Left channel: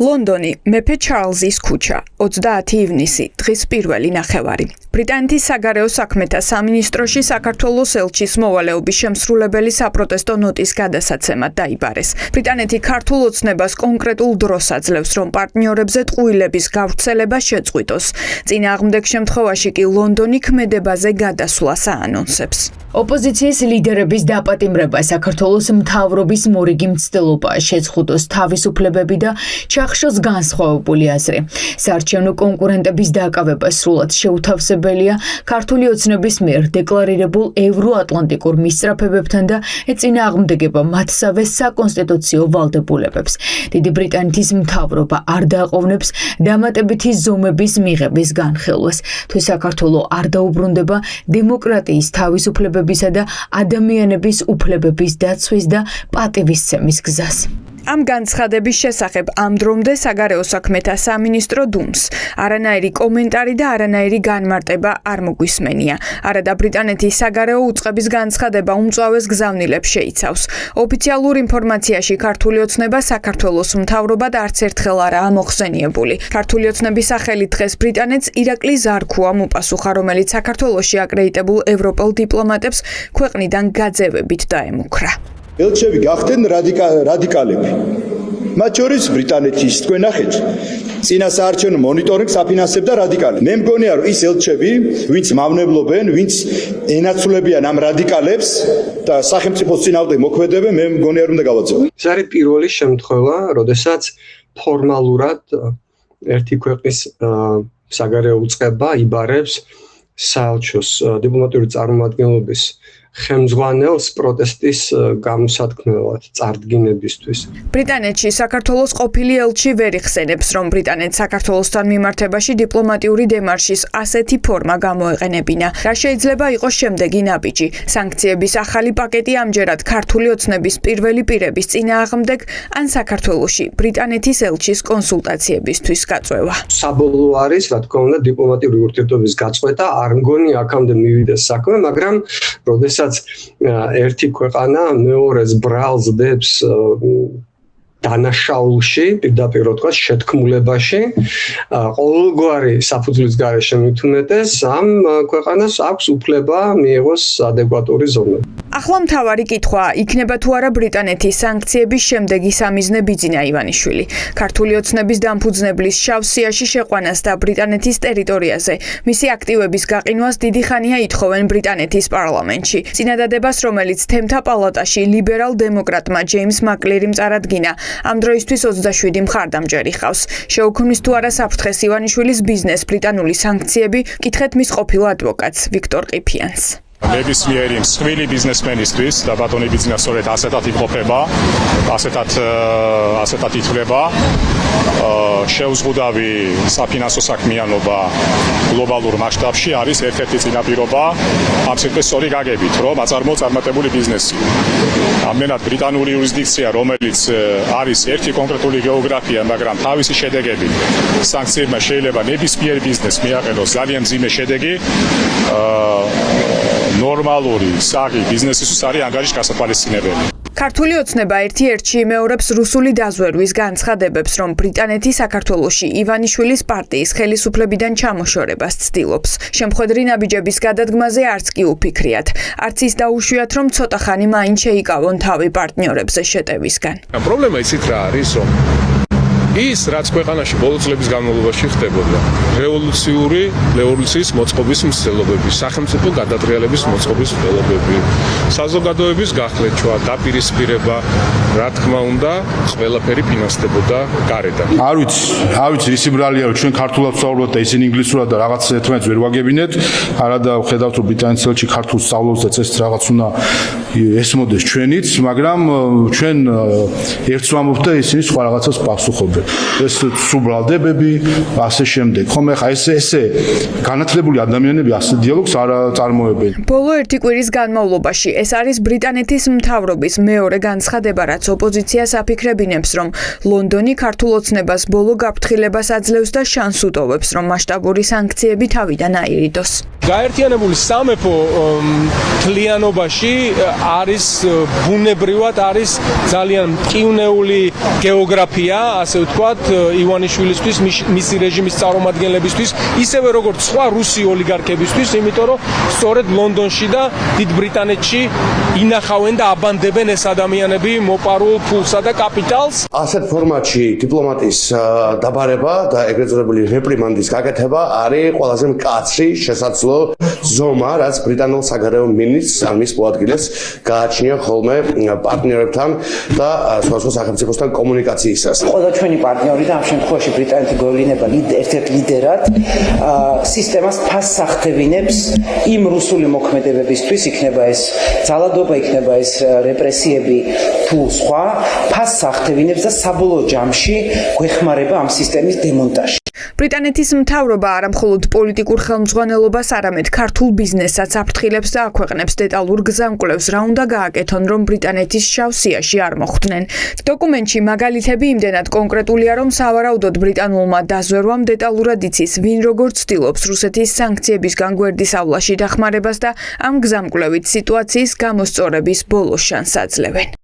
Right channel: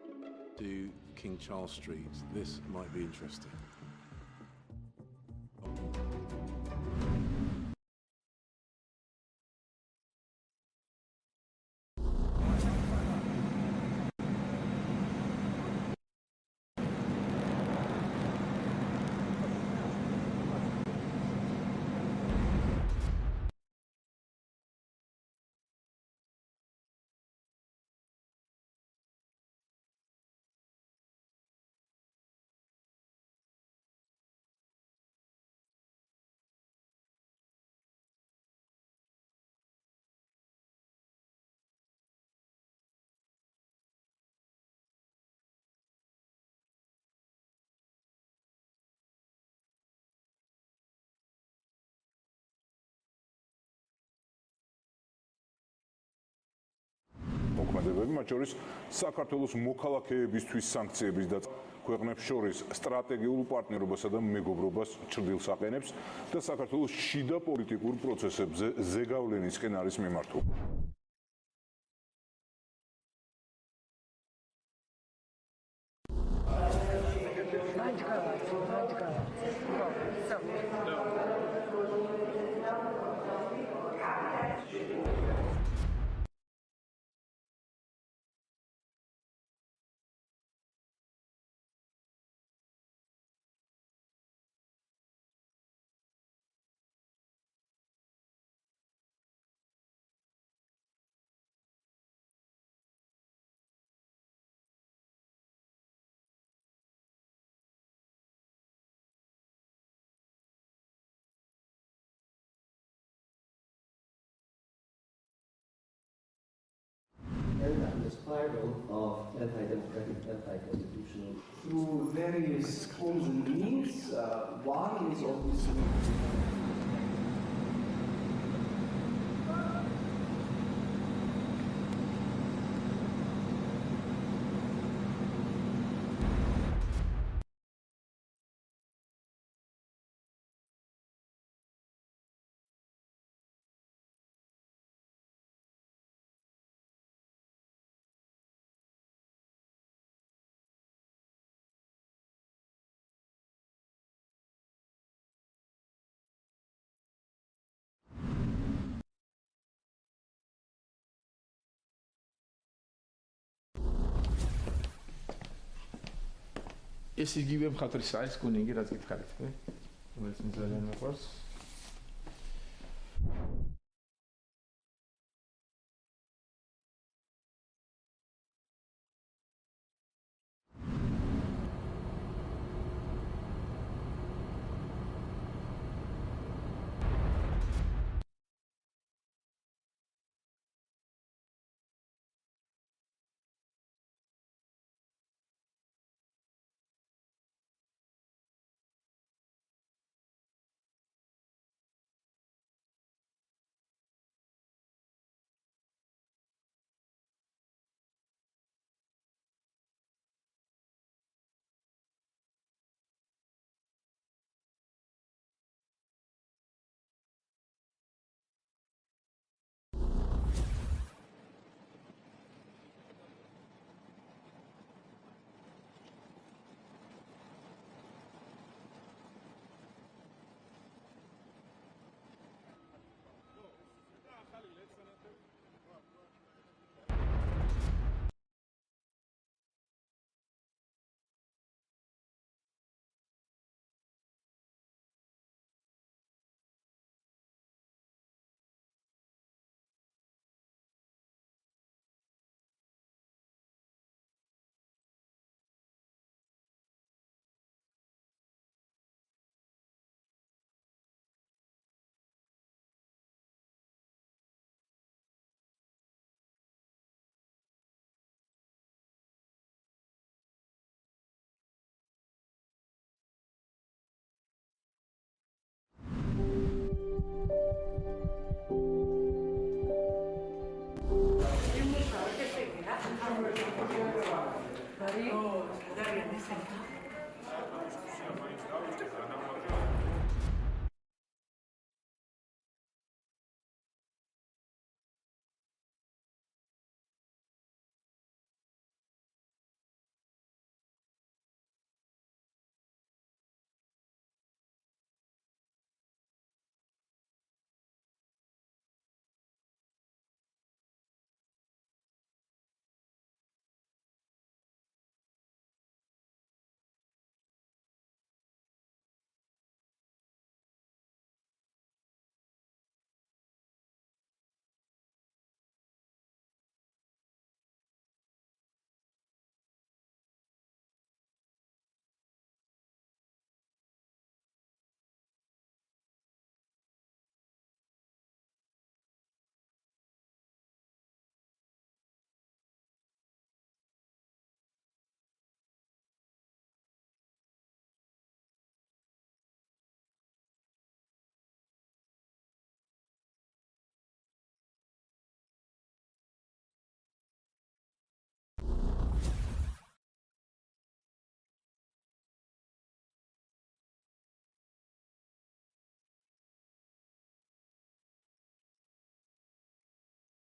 ლონდონი, მეფე ჩარლზის ქუჩა, 30 ივნისი, დღის პირველი ნახევარი. ბრიტანეთის საგარეო საქმეთა სამინისტროში საქართველოს ელჩის მოვალეობის შემსრულებელი საპროტესტო ნოტის გადასაცემად დაიბარეს. ბრიტანეთი ქართულ ოცნებას კონკრეტულ დროს აძლევს, რომ პარტნიორებზე ტყუილების გავრცელება შეწყვიტოს. წინააღმდეგ შემთხვევაში კი ლონდონი ქმედებაზე გადასვლას აანონსებს. ოპოზიციის ლიდერების დაპატიმრება საქართველოს მთავრობის მორიგი მცდელობაა შეწყვიტოს თავისუფლებები და ჩახშოს განსხვავებული აზრი. საარჩევნო კონკურენტების დაკავება სრულად შეუთავსებელია ქართული ოცნების მიერ დეკლარირებულ ევროატლანტიკურ მისწრაფებებთან და ეწინააღმდეგება მათსავე საკონსტიტუციო ვალდებულებებს. დიდი ბრიტანეთის მთავრობა არ დააყოვნებს დამატებითი ზომების მიღების განხილვას. თუ საქართველო არ დაუბრუნდება დემოკრატიის თავისუფლებებისა და ადამიანების უფლებების დაცვის და პატივისცემის გზას. ამ განცხადების შესახებ ამდრომდე საგარეო საქმეთა სამინისტრო დუმს. არანაირი კომენტარი და არანაირი განმარტება არ მოგვისმენია. არადა ბრიტანეთის საგარეო უწყების განცხადება უმწვავეს გზავნილებს შეიცავს. ოფიციალურ ინფორმაციაში ქართული ოცნება საქართველოს მთავრობად არც ერთხელ არაა მოხსენიებული. ქართული ოცნების სახელით დღეს ბრიტანეთს ირაკლი ზარქუა მოპასუხა, რომელიც საქართველოში აკრედიტებულ ევროპელ დიპლომატებს ქვეყნიდან გაძევებით დაემუქრა. ელჩები გახდნენ რადიკალები. მათ შორის ბრიტანეთის თქვენ ნახეთ წინა საარჩევნო მონიტორინგს აფინანსებდა რადიკალი. მე მგონია რომ ის ელჩები, ვინც მავნებლობენ, ვინც ენაცვლებიან ამ რადიკალებს და სახელმწიფოს წინააღმდეგ მოქმედებენ, მე მგონია რომ უნდა გავაძევო. ეს არის პირველი შემთხვევა, როდესაც ფორმალურად ერთი ქვეყნის საგარეო უწყება იბარებს საელჩოს დიპლომატიური წარმომადგენლობის ხელმძღვანელს პროტესტის გამოსათქმელად წარდგინებისთვის. ბრიტანეთში საქართველოს ყოფილი ელჩი ვერ იხსენებს, რომ ბრიტანეთს საქართველოსთან მიმართებაში დიპლომატიური დემარშის ასეთი ფორმა გამოეყენებინა. რა შეიძლება იყოს შემდეგი ნაბიჯი? სანქციების ახალი პაკეტი ამჯერად ქართული ოცნების პირველი პირების წინააღმდეგ ან საქართველოში ბრიტანეთის ელჩის კონსულტაციებისთვის გაწვევა. საბოლოო არის, რა თქმა უნდა, დიპლომატიური ურთიერთობების გაწყვეტა. არ მგონი აქამდე მივიდეს საქმე, მაგრამ როდესაც ერთი ქვეყანა მეორეს ბრალს დებს დანაშაულში, პირდაპირ თქვა შეთქმულებაში, ყოველგვარი საფუძვლის გარეშე მithumetes ამ ქვეყანას აქვს უფლება მიიღოს ადეკვატური ზომები. ახლა მთავარი კითხვა იქნება თუ არა ბრიტანეთის სანქციების შემდეგი სამიზნე ბიძინა ივანიშვილი. ქართული ოცნების დამფუძნებლის შავ სიაში შეყვანას და ბრიტანეთის ტერიტორიაზე მისი აქტივების გაყინვას დიდი ხანია ითხოვენ ბრიტანეთის პარლამენტში. წინადადებას, რომელიც თემთა პალატაში ლიბერალ-დემოკრატმა ჯეიმს მაკლერიმ წარადგინა, ამ დროისთვის 27 მხარდამჭერი ხავს. შეუქმნის თუ არა საფრთხეს ივანიშვილის ბიზნეს ბრიტანული სანქციები, კითხეთ მის ყოფილ ადვოკატს ვიქტორ ყიფიანს. ნებისმიერი მსხვილი ბიზნესმენისთვის და ბატონი ბიზნესმენი სწორედ ასეთად იმყოფება, ასეთად ითვლება. შეუზღუდავი საფინანსო საქმიანობა გლობალურ მასშტაბში არის ერთ-ერთი წინაპირობა ამ სიტყვის სწორი გაგებით, რომ აწარმოებული ბიზნესი. ამდენად ბრიტანული იურისდიქცია, რომელიც არის ერთი კონკრეტული გეოგრაფია, მაგრამ თავისი შედეგები სანქციებმა შეიძლება ნებისმიერ ბიზნესს მიაყენოს ძალიან მძიმე შედეგი. ნორმალური საღი ბიზნესისთვის არის ანგარიშის გასათვალისწინებელი. ქართული ოცნება ერთ-ერთში იმეორებს რუსული დაზვერვის განცხადებებს, რომ ბრიტანეთი საქართველოში ივანიშვილის პარტიის ხელისუფლებიდან ჩამოშორებას ცდილობს. შემხედრი ნაბიჯების გადადგმაზე არც კი უფიქრიათ. არც ის დაუშვიათ, რომ ცოტა ხანი მაინც შეიკავონ თავი პარტნიორებზე შეტევისგან. პრობლემა ისიც რა არის, რომ ის რაც ქვეყანაში ბოლო წლების განმავლობაში ხდებოდა, რევოლუციის მოწყობის მცდელობები, სახელმწიფო გადატრიალების მოწყობის მცდელობები, საზოგადოების გახლეჩვა, დაპირისპირება, რა თქმა უნდა, ყველაფერი ფინანსდებოდა გარედან. არ ვიცი, ისი ბრალია, რომ ჩვენ ქართულად ვსაუბრობთ და ისინი ინგლისურად და რაღაც ერთმანეთს ვერ ვაგებინეთ. არადა ვხედავთ, რომ ბრიტანეთის ელჩი ქართულს სწავლობს და წესით რაღაც უნდა ესმოდეს ჩვენიც, მაგრამ ჩვენ ერთს ვამბობთ და ისინი სხვა რაღაცას პასუხობენ. ეს სუბრალდებები, ასე შემდეგ. ხომ ახლა ესე განათლებული ადამიანები ასე დიალოგს არ წარმოებენ. ბოლო ერთი კვირის განმავლობაში ეს არის ბრიტანეთის მთავრობის მეორე განცხადება, რაც ოპოზიციას აფიქრებინებს, რომ ლონდონი ქართულ ოცნებას ბოლო გაფრთხილებას აძლევს და შანსს უტოვებს, რომ მასშტაბური სანქციები თავიდან აირიდოს. გაერთიანებული სამეფო თლიანობაში არის ბუნებრივად არის ძალიან მტკივნეული გეოგრაფია, ასე ვთქვათ, ივანიშვილისთვის, მისი რეჟიმის წარმომადგენლებისთვის, ისევე როგორც სხვა რუსი ოლიგარქებისთვის, იმიტომ რომ სწორედ ლონდონში და დიდ ბრიტანეთში ინახავენ და აბანდებენ ეს ადამიანები მოპარულ ფულსა და კაპიტალს. ასეთ ფორმატში დიპლომატის დაბარება და ეგრეთ წოდებული რეპრიმანდის გაკეთება არის ყველაზე მკაცრი შესაძლო ზომა, რაც ბრიტანულ საგარეო მინისტრს ან მის მოადგილეს გააჩნია ხოლმე პარტნიორებთან და სხვადასხვა სახელმწიფოსთან კომუნიკაციისას. ყველა ჩვენი პარტნიორი და ამ შემთხვევაში ბრიტანეთი გვევლინება ერთ-ერთ ლიდერად სისტემას ფასს ახდევინებს იმ რუსული მოქმედებებისთვის, იქნება ეს ძალადობა, იქნება ეს რეპრესიები თუ სხვა, ფასს ახდევინებს და საბოლოო ჯამში გვეხმარება ამ სისტემის დემონტაჟში. ბრიტანეთის მთავრობა არა მხოლოდ პოლიტიკურ ხელმძღვანელობას, არამედ ქართულ ბიზნესსაც აფრთხილებს და აქვეყნებს დეტალურ გზამკვლევს, რა უნდა გააკეთონ, რომ ბრიტანეთის შავ სიაში არ მოხვდნენ. დოკუმენტში მაგალითები იმდენად კონკრეტულია, რომ სავარაუდოდ ბრიტანულმა დაზვერვამ დეტალურად იცის, ვინ როგორ ცდილობს რუსეთის სანქციებისგან გვერდის ავლაში დახმარებას და ამ გზამკვლევით სიტუაციის გამოსწორების ბოლო შანსს აძლევენ.